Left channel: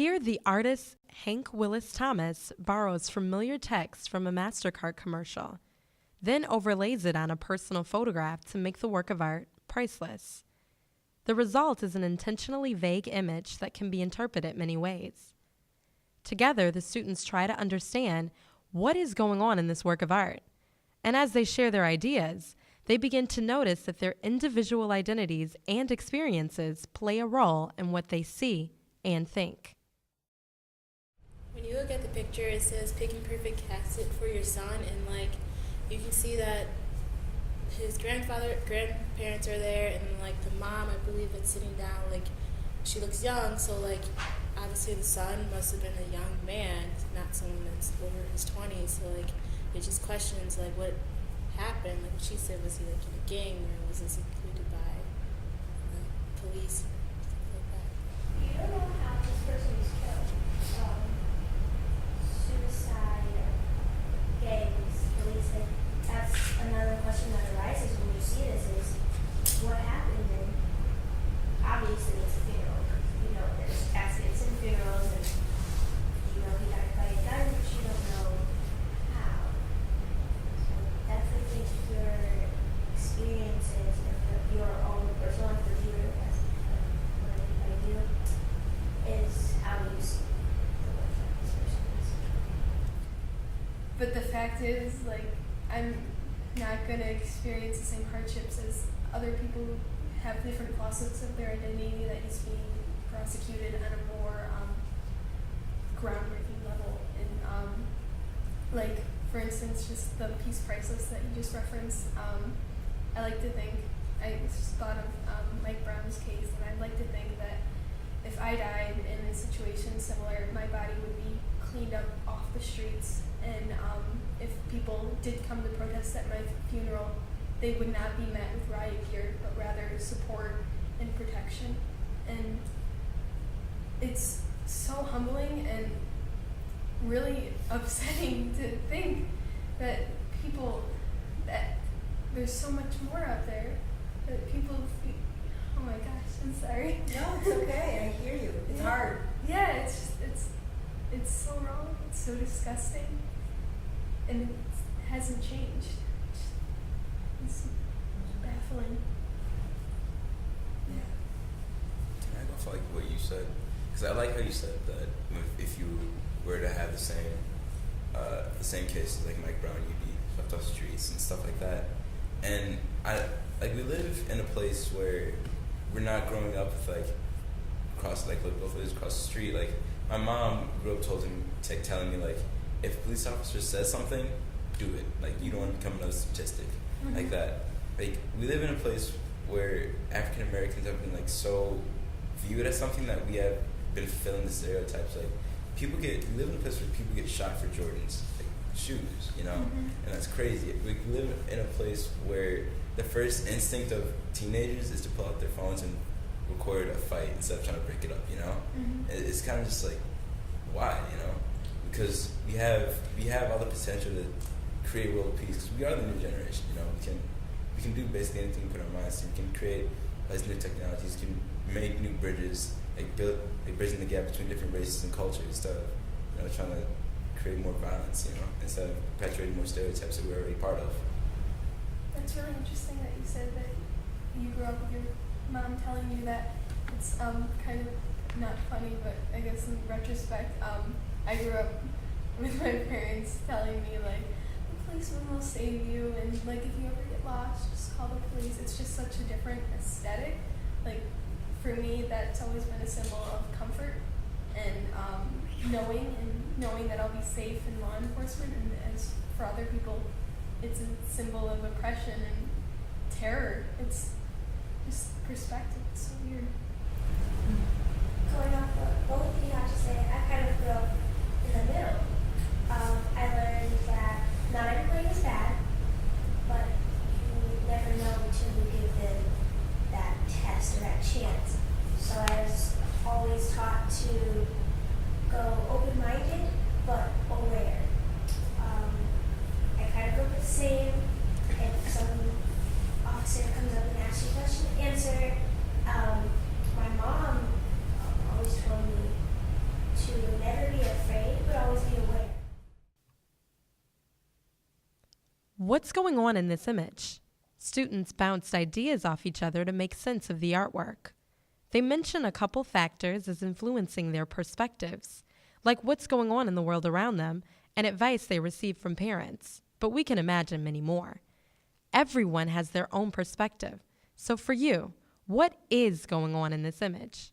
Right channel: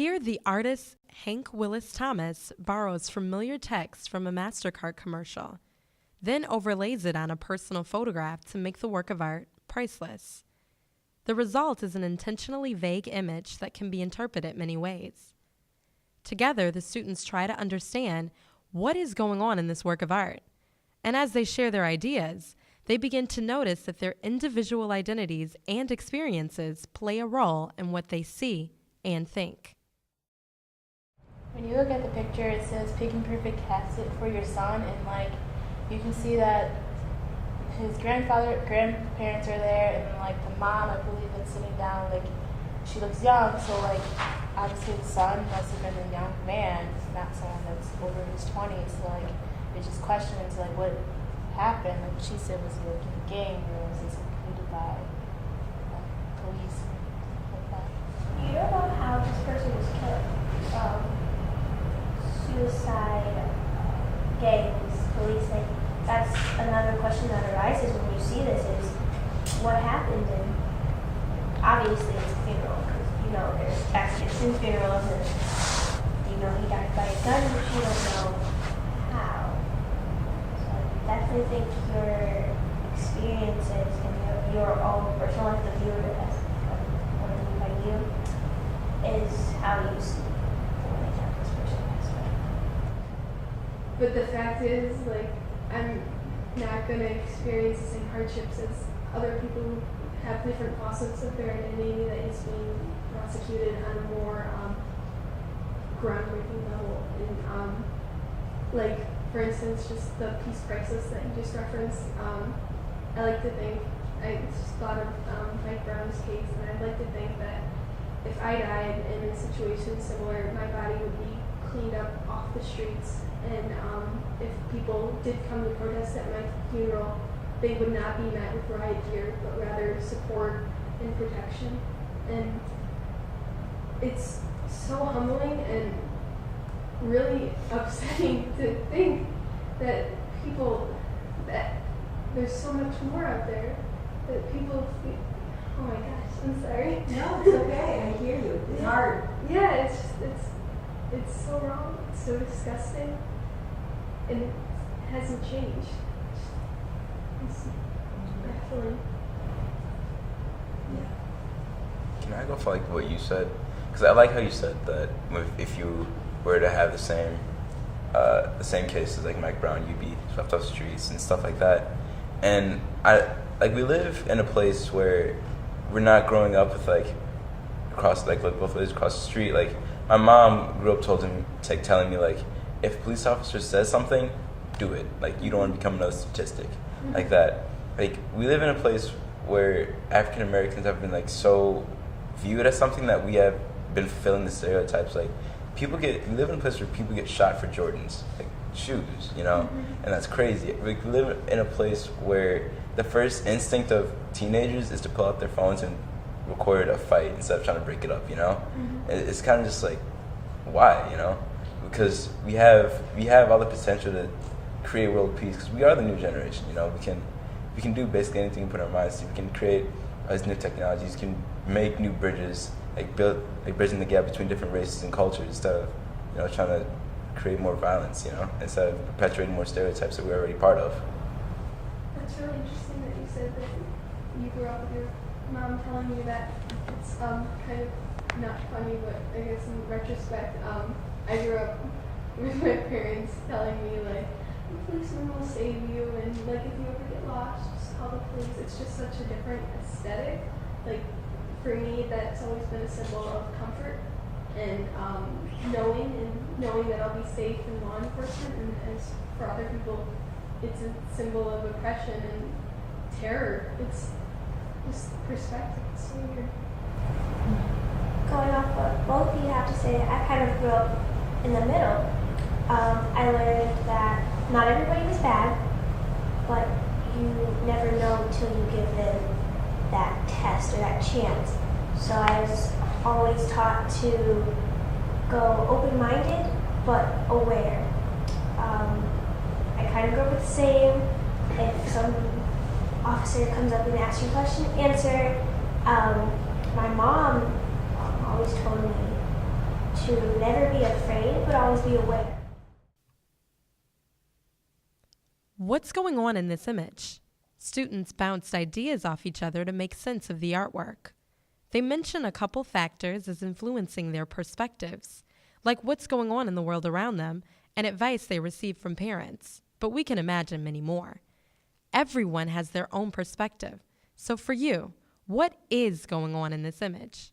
Here, the artist Hank Willis Thomas borrows familiar text from a MasterCard commercial, then overlays it on a personal photograph to make the work of art priceless. The result is an intentionally vague image that can be interpreted many ways. Together, the students try to understand what is going on in this work of art. And as they share their ideas, they begin to notice that their individual identities and experiences play a role in what they see and think. When you look at the picture, it says pick and perfect casket for your son, and you can see that his grandparents are there, and the mom, I believe, is sitting down. She looks young, so obviously the son must have been a young man, not someone that's over his 20s. So it just questions what happened. She said, was he in a gang, or was this completed by police and stuff like that? You don't know how this person was killed. Suicide, gangs, police, that's another question that arises when you see this is what happened, and obviously it's a funeral, because there's accidents in funerals, and he died by a gun, but you don't know how. So I definitely think your experiences and your own personal life, the viewer as what I mean by you, is how you see this person as. But the fact is, I'm not going to experience the same hardships as other people who have different facets of their identity that is being prosecuted on a more groundbreaking level. And, for instance, just the peace crisis that you just referenced, I like to think, I just thought of Mike Brown's case, and I'd like to think that if I died in a situation similar, my body would be cleaned up off the streets, and if people did come to protest at my funeral, they would not be met with riot gear, but rather support and protection. And it's so humbling and really upsetting to think that there's so much more out there, that people feel, oh my gosh, I'm sorry. No, it's okay, I hear you, it's hard. Yeah, it's so wrong, it's so disgusting, and it hasn't changed. It's definitely, yeah. Can I go for what you said? Because I like how you said that if you were to have the same cases like Mike Brown, you'd be swept off the streets and stuff like that. And we live in a place where we're not growing up with across both ways across the street. My mom grew up telling me if a police officer says something, do it. You don't want to become another statistic like that. We live in a place where African Americans have been so viewed as something that we have been fulfilling the stereotypes. We live in a place where people get shot for Jordans, shoes, and that's crazy. We live in a place where the first instinct of teenagers is to pull out their phones and record a fight instead of trying to break it up, And it's kind of just why, because we have all the potential to create world peace, because we are the new generation, we can do basically anything we put our minds to. We can create these new technologies, can make new bridges, build bridging the gap between different races and cultures instead of trying to create more violence, instead of perpetuating more stereotypes that we're already part of. That's really interesting that you said that you grew up with your mom telling you that. It's kind of not funny, but I guess in retrospect, I grew up with my parents telling me the policeman will save you, and if you ever get lost, just call the police. It's just such a different aesthetic. For me, that's always been a symbol of comfort and knowing that I'll be safe in law enforcement, and as for other people, it's a symbol of oppression and terror. It's just perspective. It's so weird. Going off what both of you have to say, I kind of grew up in the middle. I learned that not everybody was bad, but you never know until you give them that test or that chance. So I was always taught to go open-minded but aware. I kind of grew up with the same. If some officer comes up and asks you a question, answer. My mom always told me to never be afraid, but always be aware. What's going on in this image? Students bounced ideas off each other to make sense of the artwork. They mention a couple factors as influencing their perspectives, like what's going on in the world around them and advice they receive from parents, but we can imagine many more. Everyone has their own perspective. So for you, what is going on in this image?